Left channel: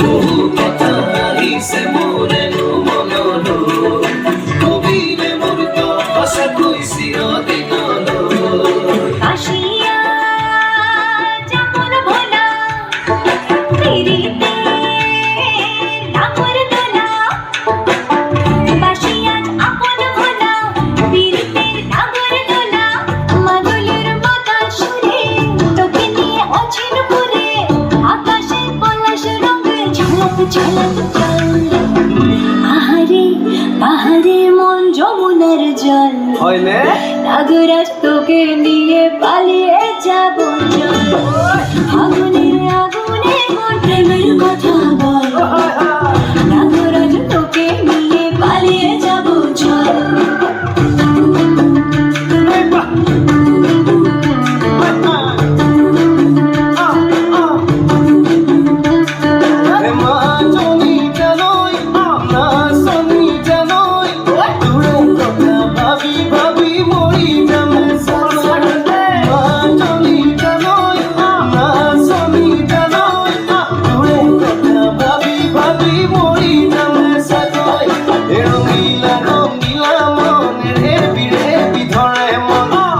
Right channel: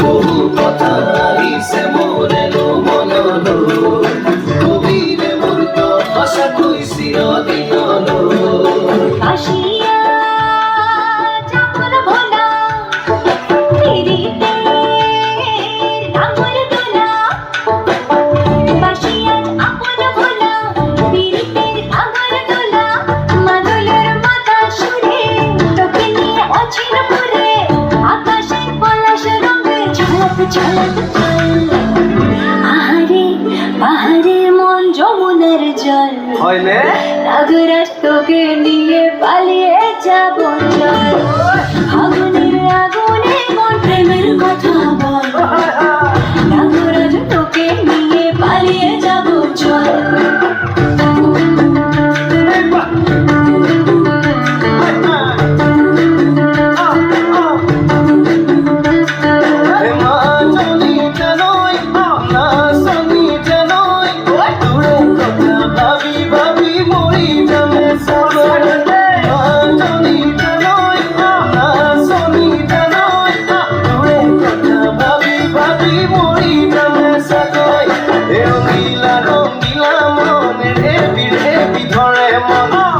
বহু কথা আহিছে মোৰেনো মনলৈ, কবিৰে মোৰ কথা তুই চিৰদিনলৈ। কাশিয়া জামর ভোলা পিরিতে নামর দোলা, কাশিয়া আপন ভোলা পিরিতে নামর দোলা, মাদলের মাথা সুরে তোকে নিয়ে অচিন পুরে, আকাশে পলাশ রঙে ঝলক ঝলক চল। আহারে বাহারে মন যমুনার জল, নাগরাজ তোকে নিয়ে পালিয়ে যাব চল। আগুনের আগুনে মন প্রেমের কথা বল, নাগরাজ তোকে নিয়ে পালিয়ে যাব চল।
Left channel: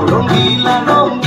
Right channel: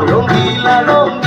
রঙ্গিলা রঙ্গিলা